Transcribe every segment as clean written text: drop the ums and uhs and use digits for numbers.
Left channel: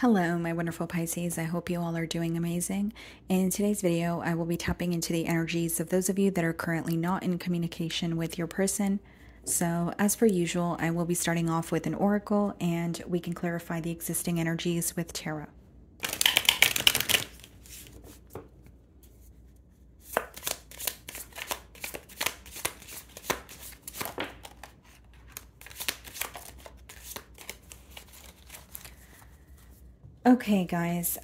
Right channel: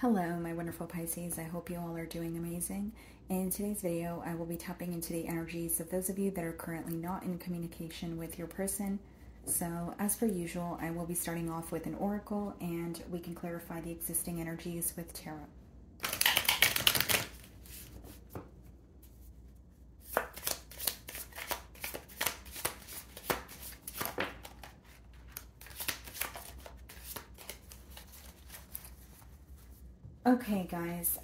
Hello, my wonderful Pisces. I hope you all are doing amazing. In today's video, I will be tapping into the energies of those of you that are currently not in communication with your person. So, as per usual, I will be starting off with an oracle and we can clarify the existing energies with tarot. Okay, guys,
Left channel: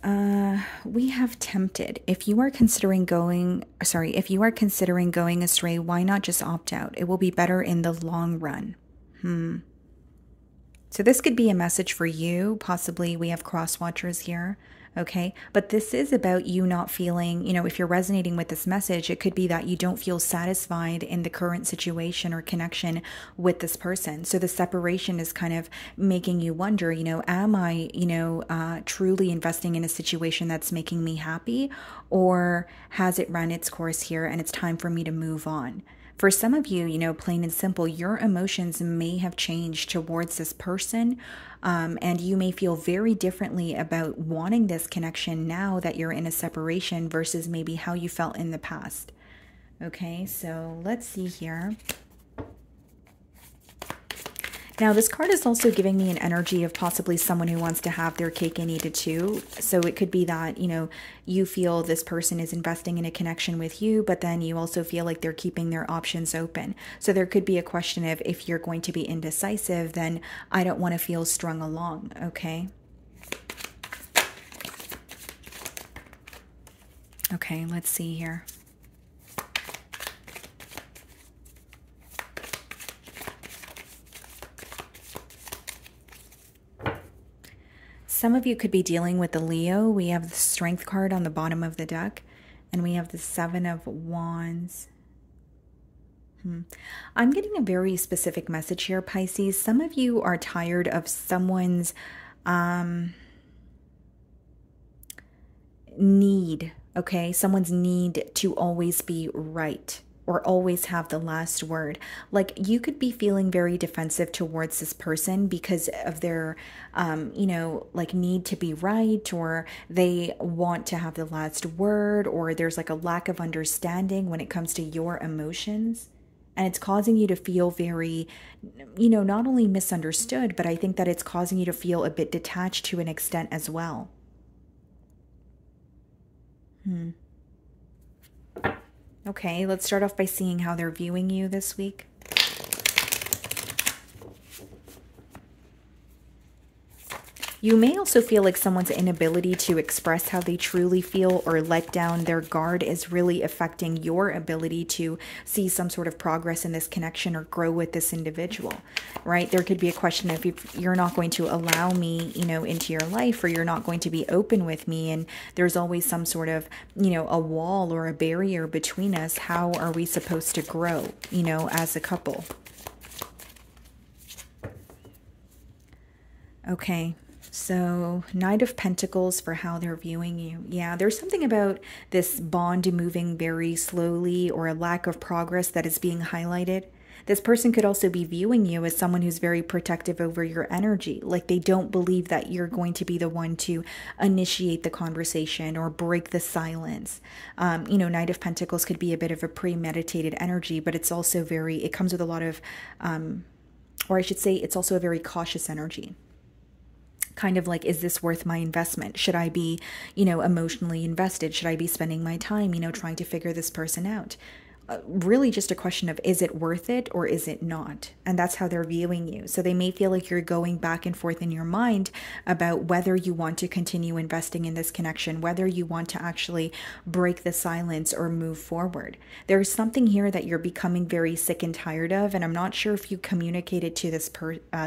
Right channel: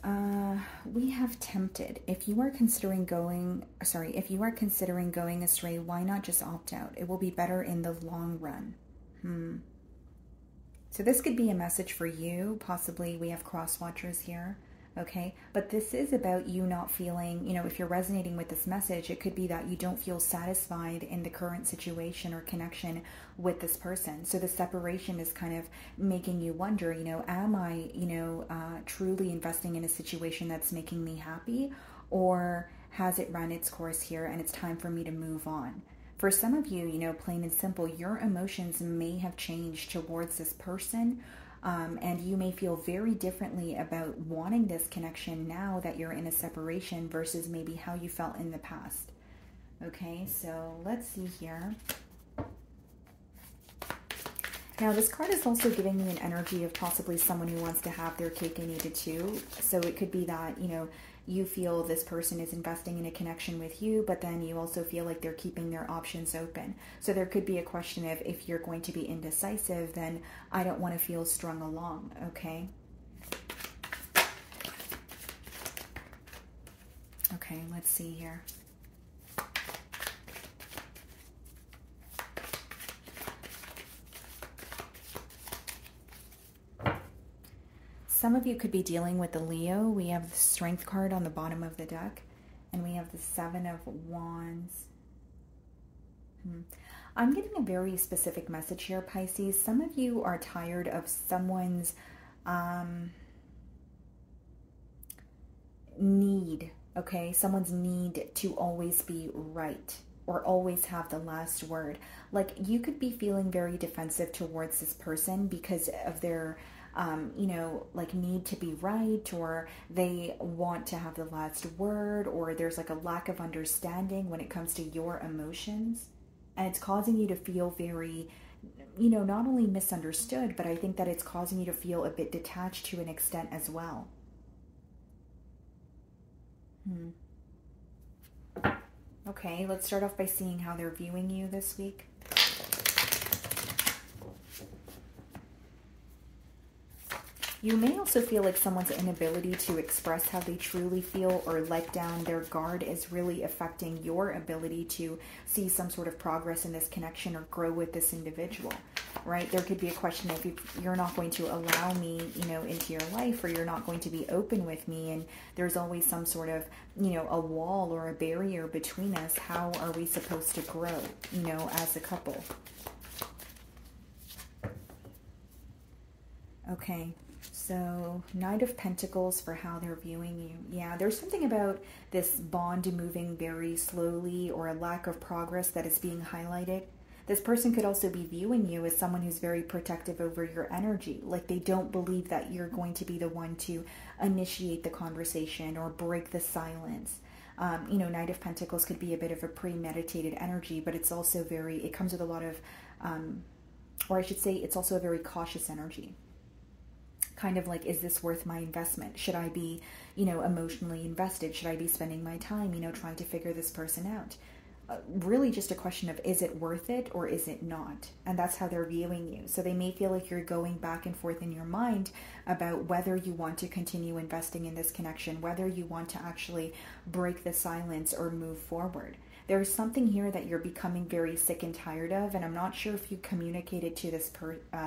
we have tempted. If you are considering going astray, why not just opt out? It will be better in the long run. So this could be a message for you. Possibly we have cross watchers here. Okay. But this is about you not feeling, if you're resonating with this message, it could be that you don't feel satisfied in the current situation or connection with this person. So the separation is kind of making you wonder, am I, truly investing in a situation that's making me happy, or has it run its course here and it's time for me to move on? For some of you, plain and simple, your emotions may have changed towards this person, and you may feel very differently about wanting this connection now that you're in a separation versus maybe how you felt in the past. Okay, so let's see here. Now, this card is also giving me an energy of possibly someone who wants to have their cake and eat it too. So it could be that, you feel this person is investing in a connection with you, but then you also feel like they're keeping their options open. So there could be a question of, if you're going to be indecisive, then I don't want to feel strung along, okay? Okay, let's see here. Some of you could be dealing with the Leo. We have the Strength card on the bottom of the deck, and we have the Seven of Wands. I'm getting a very specific message here, Pisces. Some of you are tired of someone's need, okay? Someone's need to always be right, or always have the last word. Like, you could be feeling very defensive towards this person because of their, like, need to be right, or they want to have the last word, or there's like a lack of understanding when it comes to your emotions. And it's causing you to feel very, not only misunderstood, but I think that it's causing you to feel a bit detached to an extent as well. Okay, let's start off by seeing how they're viewing you this week. You may also feel like someone's inability to express how they truly feel or let down their guard is really affecting your ability to see some sort of progress in this connection or grow with this individual, right? There could be a question of, if you're not going to allow me, into your life, or you're not going to be open with me, and there's always some sort of, a wall or a barrier between us. How are we supposed to grow, as a couple? Okay. So, Knight of Pentacles for how they're viewing you. Yeah, there's something about this bond moving very slowly, or a lack of progress that is being highlighted. This person could also be viewing you as someone who's very protective over your energy. Like, they don't believe that you're going to be the one to initiate the conversation or break the silence. Knight of Pentacles could be a bit of a premeditated energy, but it's also it comes with a lot of, or I should say, it's also a very cautious energy. Kind of like, is this worth my investment? Should I be, emotionally invested? Should I be spending my time, trying to figure this person out? Really just a question of, is it worth it or is it not? And that's how they're viewing you. So they may feel like you're going back and forth in your mind about whether you want to continue investing in this connection, whether you want to actually break the silence or move forward. There's something here that you're becoming very sick and tired of, and I'm not sure if you communicated to this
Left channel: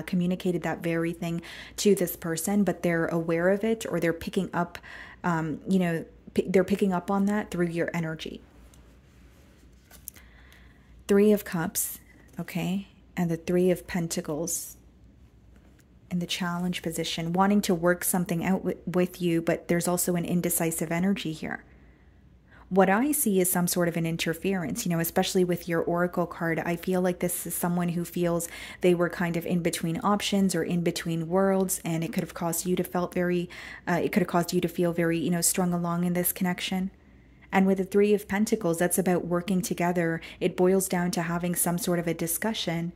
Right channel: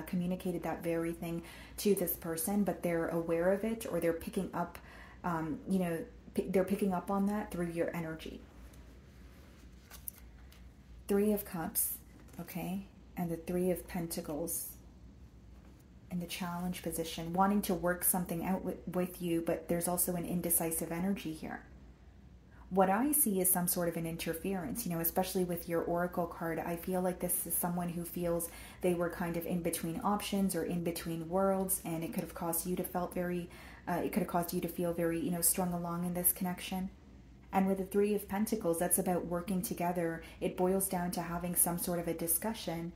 communicated that very thing to this person, but they're aware of it, or they're picking up, they're picking up on that through your energy. Three of Cups, okay, and the Three of Pentacles in the challenge position, wanting to work something out with you, but there's also an indecisive energy here. What I see is some sort of an interference, especially with your oracle card. I feel like this is someone who feels they were kind of in between options or in between worlds, and it could have caused you to feel very, strung along in this connection. And with the Three of Pentacles, that's about working together. It boils down to having some sort of a discussion.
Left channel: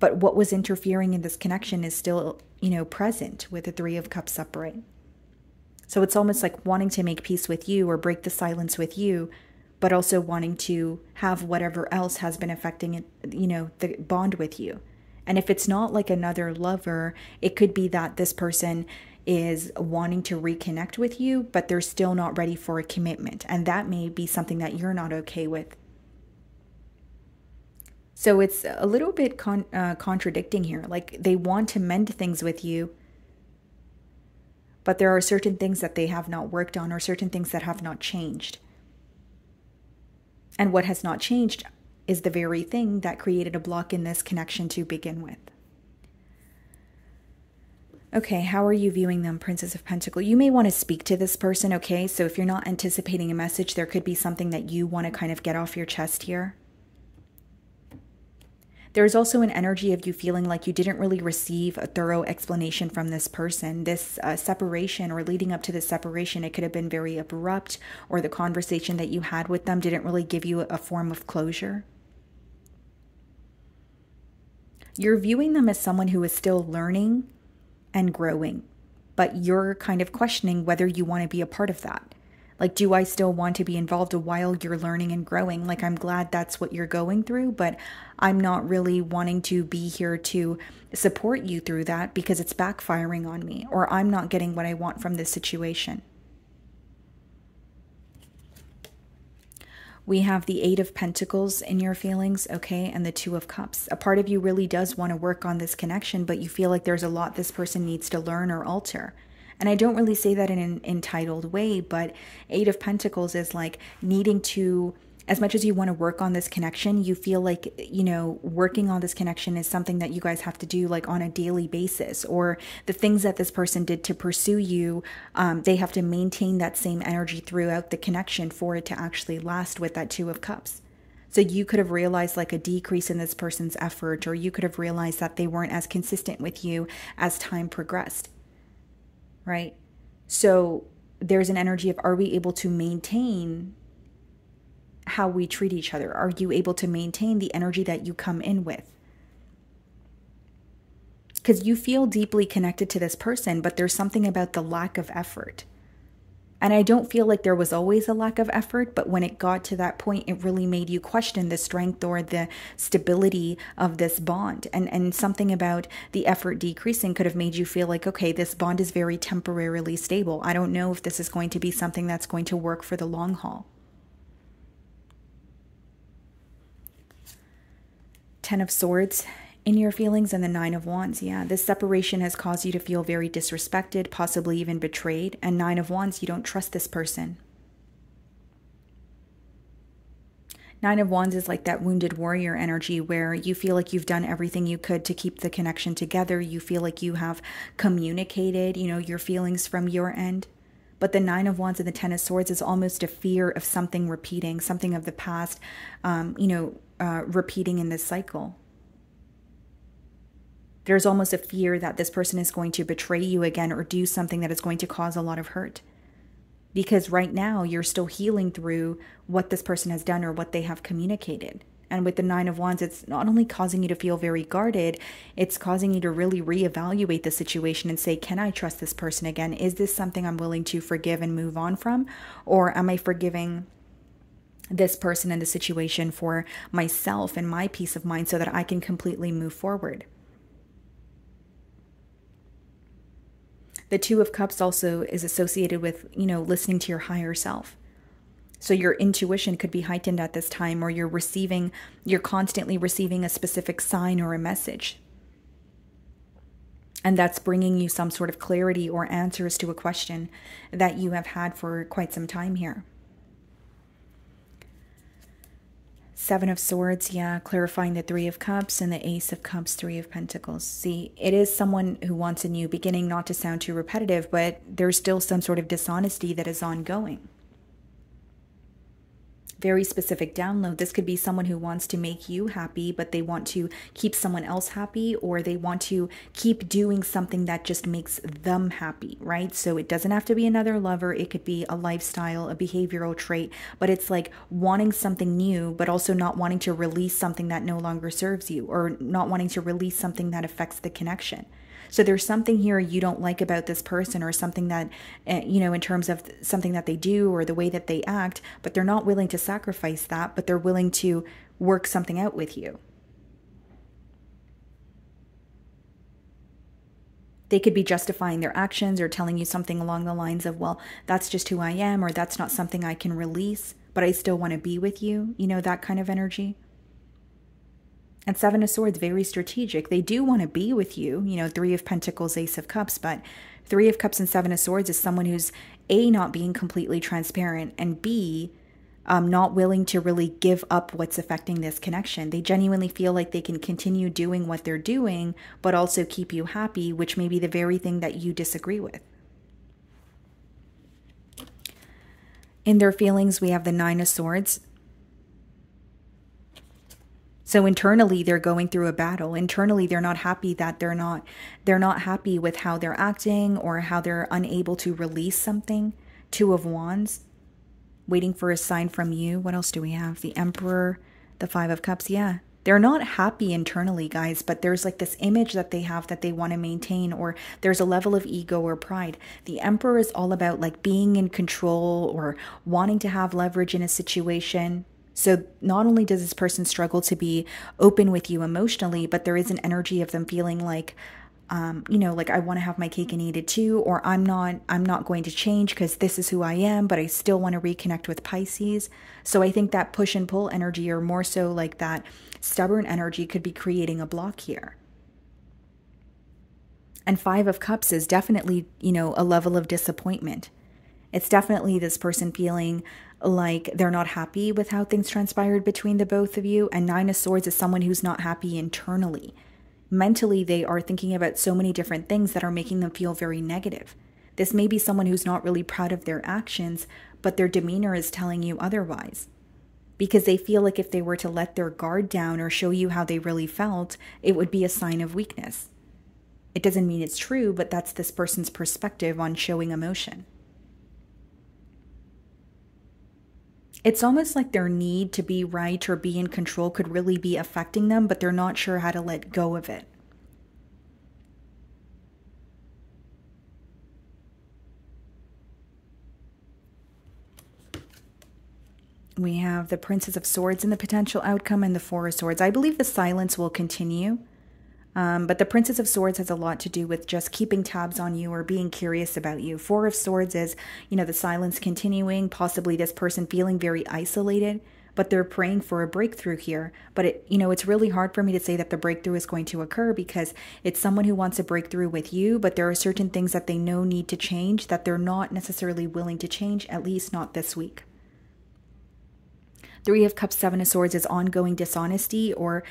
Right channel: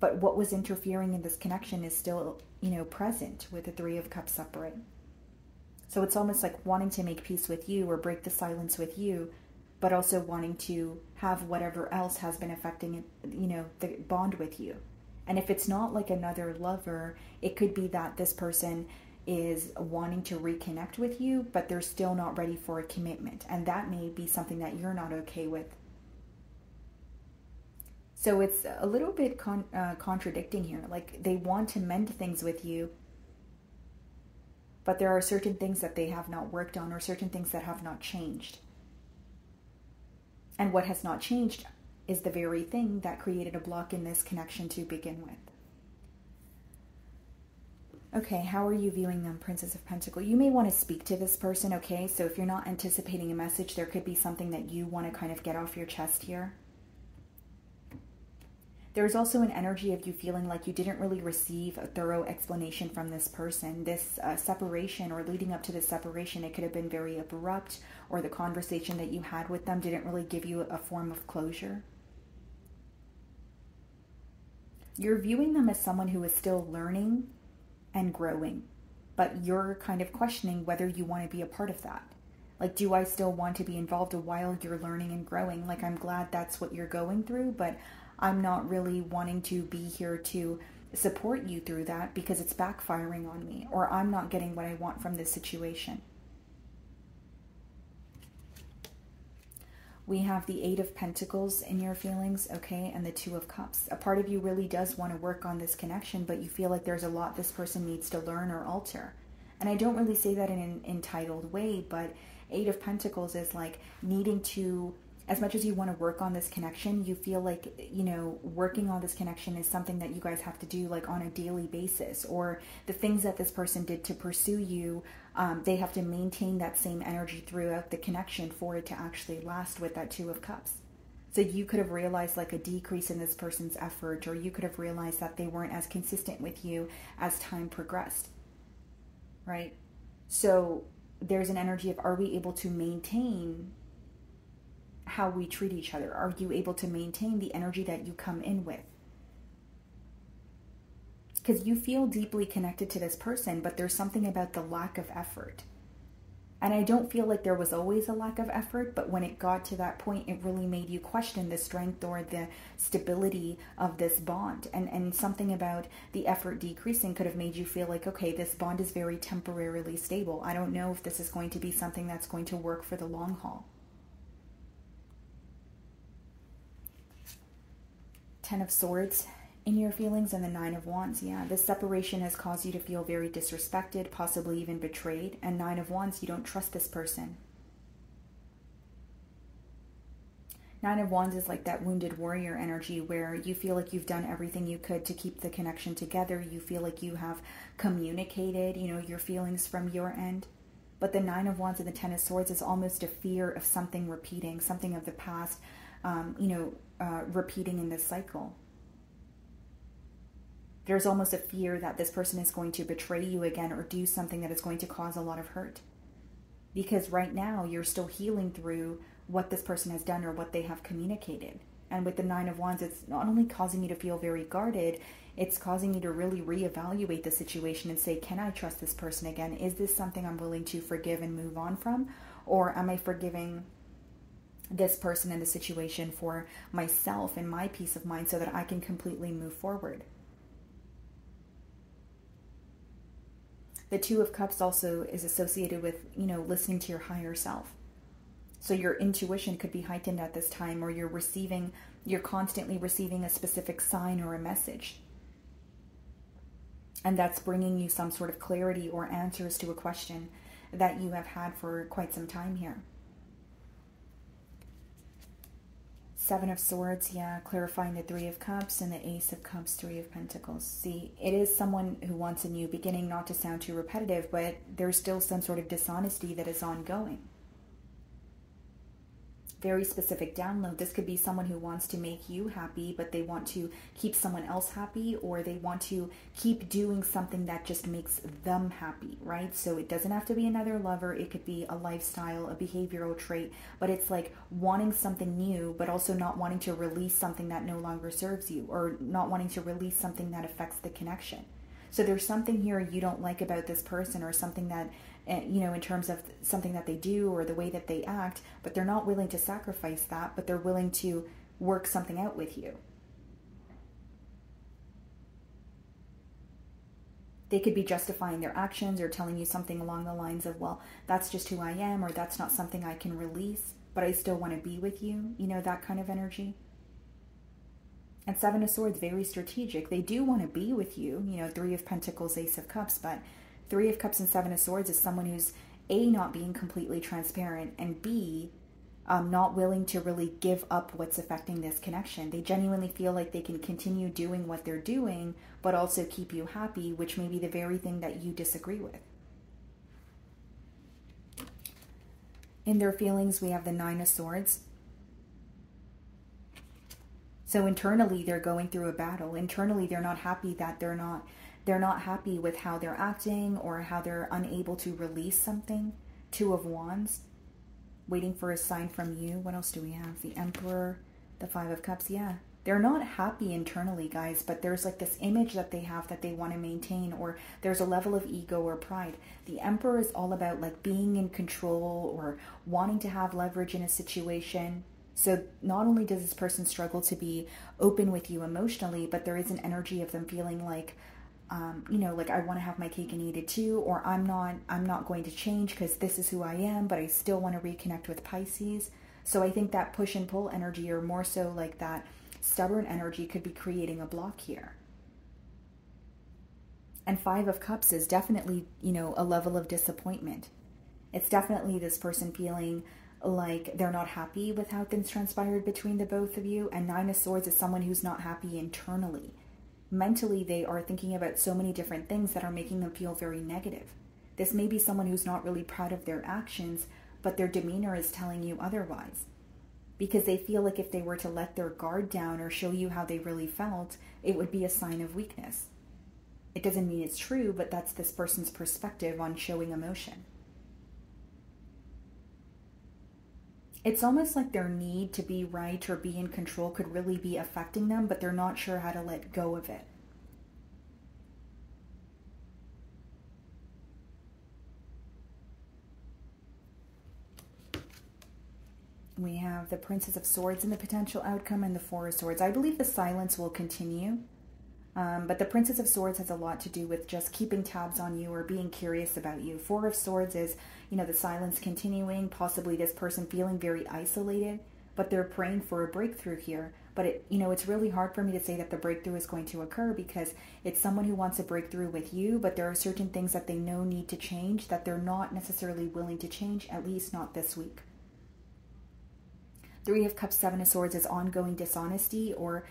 But what was interfering in this connection is still, present with the Three of Cups upright. So it's almost like wanting to make peace with you or break the silence with you, but also wanting to have whatever else has been affecting it, the bond with you. And if it's not like another lover, it could be that this person is wanting to reconnect with you, but they're still not ready for a commitment. And that may be something that you're not okay with. So it's a little bit contradicting here. Like they want to mend things with you, but there are certain things that they have not worked on or certain things that have not changed. And what has not changed is the very thing that created a block in this connection to begin with. Okay, how are you viewing them, Princess of Pentacles? You may want to speak to this person, okay? So if you're not anticipating a message, there could be something that you want to kind of get off your chest here. There's also an energy of you feeling like you didn't really receive a thorough explanation from this person. This separation or leading up to this separation, it could have been very abrupt, or the conversation that you had with them didn't really give you a form of closure. You're viewing them as someone who is still learning and growing, but you're kind of questioning whether you want to be a part of that. Like, do I still want to be involved while you're learning and growing? Like, I'm glad that's what you're going through, but I'm not really wanting to be here to support you through that because it's backfiring on me, or I'm not getting what I want from this situation. We have the Eight of Pentacles in your feelings, okay, and the Two of Cups. A part of you really does want to work on this connection, but you feel like there's a lot this person needs to learn or alter. And I don't really say that in an entitled way, but Eight of Pentacles is like needing to, as much as you want to work on this connection, you feel like, working on this connection is something that you guys have to do like on a daily basis, or the things that this person did to pursue you, they have to maintain that same energy throughout the connection for it to actually last with that Two of Cups. So you could have realized like a decrease in this person's effort, or you could have realized that they weren't as consistent with you as time progressed. Right? So there's an energy of, are we able to maintain how we treat each other? Are you able to maintain the energy that you come in with? Because you feel deeply connected to this person, but there's something about the lack of effort. And I don't feel like there was always a lack of effort, but when it got to that point, it really made you question the strength or the stability of this bond. And something about the effort decreasing could have made you feel like, okay, this bond is very temporarily stable. I don't know if this is going to be something that's going to work for the long haul. Ten of Swords in your feelings and the Nine of Wands. Yeah, this separation has caused you to feel very disrespected, possibly even betrayed. And Nine of Wands, you don't trust this person. Nine of Wands is like that wounded warrior energy where you feel like you've done everything you could to keep the connection together. You feel like you have communicated, your feelings from your end. But the Nine of Wands and the Ten of Swords is almost a fear of something repeating, something of the past, repeating in this cycle. There's almost a fear that this person is going to betray you again or do something that is going to cause a lot of hurt. Because right now you're still healing through what this person has done or what they have communicated. And with the Nine of Wands, it's not only causing you to feel very guarded, it's causing you to really reevaluate the situation and say, can I trust this person again? Is this something I'm willing to forgive and move on from? Or am I forgiving this person and the situation for myself and my peace of mind so that I can completely move forward? The Two of Cups also is associated with, listening to your higher self. So your intuition could be heightened at this time, or you're constantly receiving a specific sign or a message. And that's bringing you some sort of clarity or answers to a question that you have had for quite some time here. Seven of Swords, yeah, clarifying the Three of Cups and the Ace of Cups, Three of Pentacles. See, it is someone who wants a new beginning, not to sound too repetitive, but there's still some sort of dishonesty that is ongoing. Very specific download. This could be someone who wants to make you happy, but they want to keep someone else happy, or they want to keep doing something that just makes them happy, right? So it doesn't have to be another lover. It could be a lifestyle, a behavioral trait, but it's like wanting something new, but also not wanting to release something that no longer serves you, or not wanting to release something that affects the connection. So there's something here you don't like about this person, or something that, in terms of something that they do or the way that they act, but they're not willing to sacrifice that, but they're willing to work something out with you. They could be justifying their actions or telling you something along the lines of, well, that's just who I am, or that's not something I can release, but I still want to be with you, that kind of energy. And Seven of Swords, very strategic. They do want to be with you, Three of Pentacles, Ace of Cups, but Three of Cups and Seven of Swords is someone who's A, not being completely transparent, and B, not willing to really give up what's affecting this connection. They genuinely feel like they can continue doing what they're doing, but also keep you happy, which may be the very thing that you disagree with. In their feelings, we have the Nine of Swords. So internally, they're going through a battle. Internally, they're not happy that they're not happy with how they're acting, or how they're unable to release something. Two of Wands, waiting for a sign from you. What else do we have? The Emperor, the Five of Cups. Yeah, they're not happy internally, guys, but there's like this image that they have that they want to maintain, or there's a level of ego or pride. The Emperor is all about like being in control or wanting to have leverage in a situation. So not only does this person struggle to be open with you emotionally, but there is an energy of them feeling like, like I want to have my cake and eat it too, or I'm not going to change because this is who I am, but I still want to reconnect with Pisces. So I think that push and pull energy, or more so like that stubborn energy, could be creating a block here. And Five of Cups is definitely, a level of disappointment. It's definitely this person feeling like they're not happy with how things transpired between the both of you. And Nine of Swords is someone who's not happy internally. Mentally, they are thinking about so many different things that are making them feel very negative. This may be someone who's not really proud of their actions, but their demeanor is telling you otherwise. Because they feel like if they were to let their guard down or show you how they really felt, it would be a sign of weakness. It doesn't mean it's true, but that's this person's perspective on showing emotion. It's almost like their need to be right or be in control could really be affecting them, but they're not sure how to let go of it. We have the Princess of Swords in the potential outcome, and the Four of Swords. I believe the silence will continue. But the Princess of Swords has a lot to do with just keeping tabs on you or being curious about you. Four of Swords is, the silence continuing, possibly this person feeling very isolated, but they're praying for a breakthrough here. But it's really hard for me to say that the breakthrough is going to occur, because it's someone who wants a breakthrough with you, but there are certain things that they know need to change that they're not necessarily willing to change, at least not this week. Three of Cups, Seven of Swords is ongoing dishonesty, or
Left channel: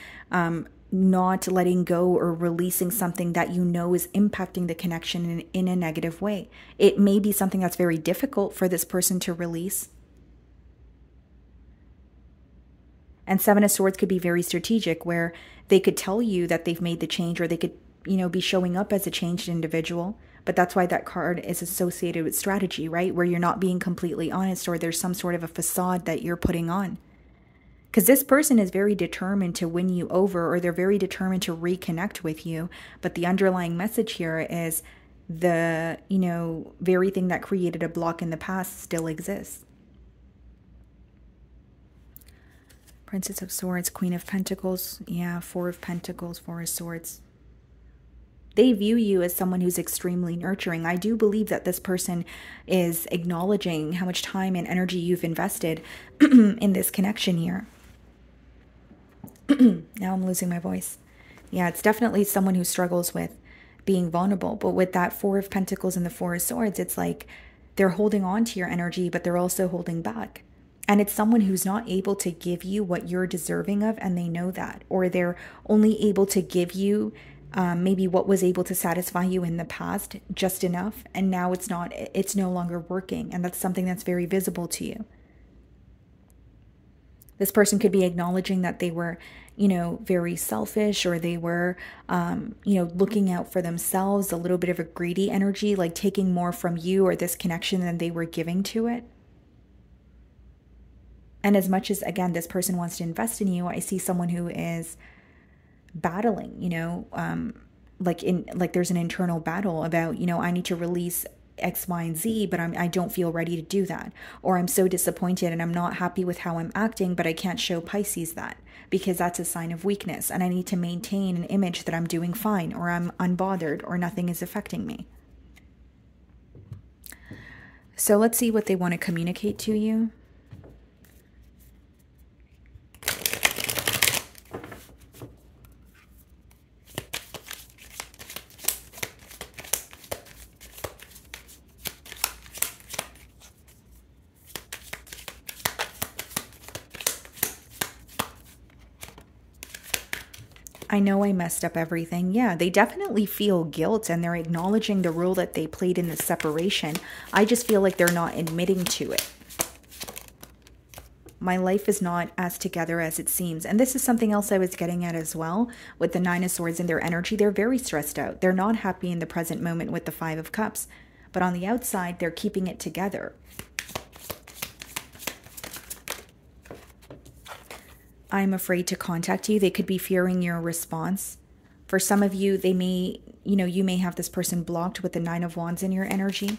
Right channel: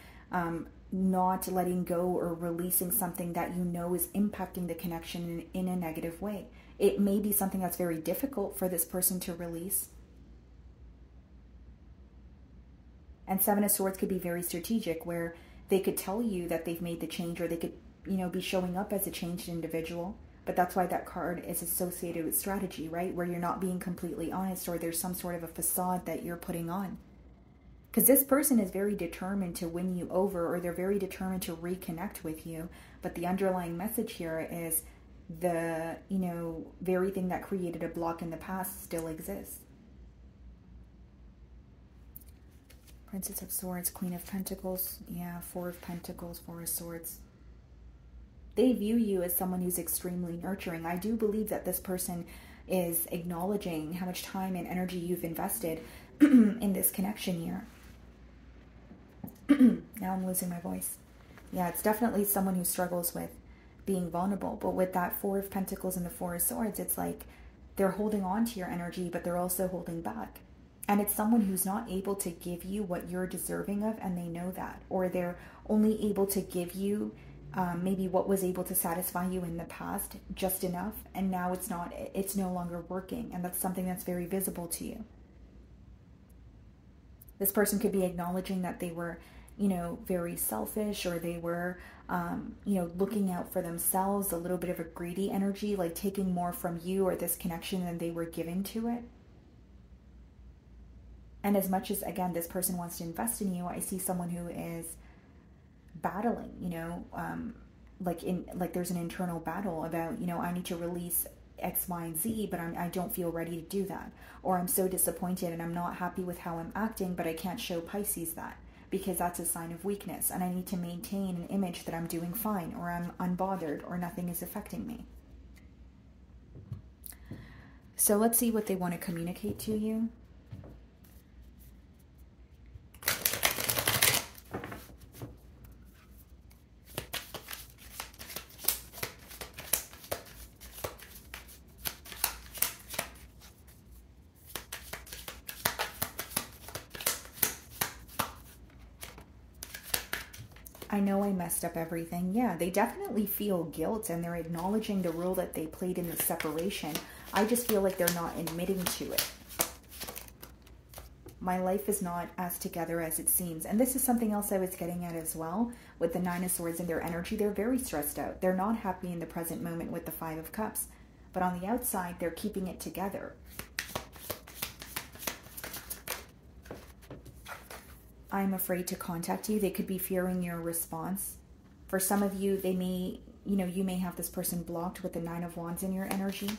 not letting go or releasing something that is impacting the connection in a negative way. It may be something that's very difficult for this person to release. And Seven of Swords could be very strategic, where they could tell you that they've made the change, or they could, be showing up as a changed individual. But that's why that card is associated with strategy, right? Where you're not being completely honest, or there's some sort of a facade that you're putting on. Because this person is very determined to win you over, or they're very determined to reconnect with you. But the underlying message here is the, very thing that created a block in the past still exists. Princess of Swords, Queen of Pentacles. Yeah, Four of Pentacles, Four of Swords. They view you as someone who's extremely nurturing. I do believe that this person is acknowledging how much time and energy you've invested in this connection here. Now I'm losing my voice. Yeah, it's definitely someone who struggles with being vulnerable. But with that Four of Pentacles and the Four of Swords, it's like they're holding on to your energy, but they're also holding back. And it's someone who's not able to give you what you're deserving of, and they know that. Or they're only able to give you maybe what was able to satisfy you in the past just enough, and now it's no longer working, and that's something that's very visible to you. This person could be acknowledging that they were, you know, very selfish, or they were, you know, looking out for themselves, a little bit of a greedy energy, like taking more from you or this connection than they were giving to it. And as much as, again, this person wants to invest in you, I see someone who is battling, you know, like there's an internal battle about, you know, I need to release X, Y, and Z, but I don't feel ready to do that. Or I'm so disappointed and I'm not happy with how I'm acting, but I can't show Pisces that because that's a sign of weakness. And I need to maintain an image that I'm doing fine, or I'm unbothered, or nothing is affecting me. So let's see what they want to communicate to you. I know I messed up everything. Yeah, they definitely feel guilt, and they're acknowledging the role that they played in the separation. I just feel like they're not admitting to it. My life is not as together as it seems. And this is something else I was getting at as well. With the Nine of Swords and their energy, they're very stressed out. They're not happy in the present moment with the Five of Cups. But on the outside, they're keeping it together. I'm afraid to contact you. They could be fearing your response. For some of you, they may, you know, you may have this person blocked with the Nine of Wands in your energy.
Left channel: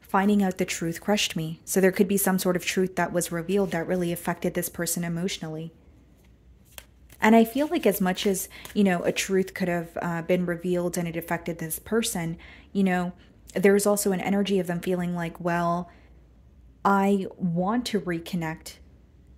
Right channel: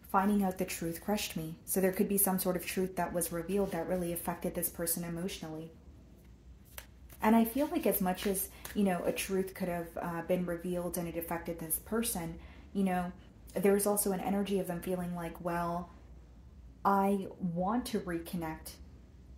Finding out the truth crushed me. So there could be some sort of truth that was revealed that really affected this person emotionally. And I feel like as much as, you know, a truth could have been revealed and it affected this person, you know, there's also an energy of them feeling like, well, I want to reconnect,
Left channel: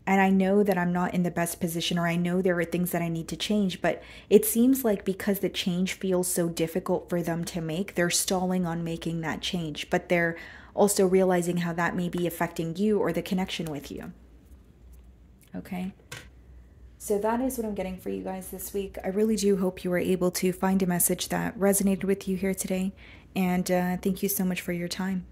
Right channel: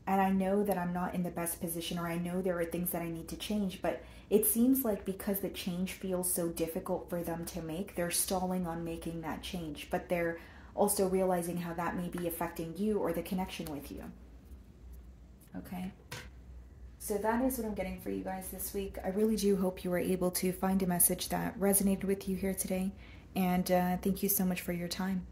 and I know that I'm not in the best position, or I know there are things that I need to change, but it seems like because the change feels so difficult for them to make, they're stalling on making that change, but they're also realizing how that may be affecting you or the connection with you. Okay? So that is what I'm getting for you guys this week. I really do hope you were able to find a message that resonated with you here today, and thank you so much for your time.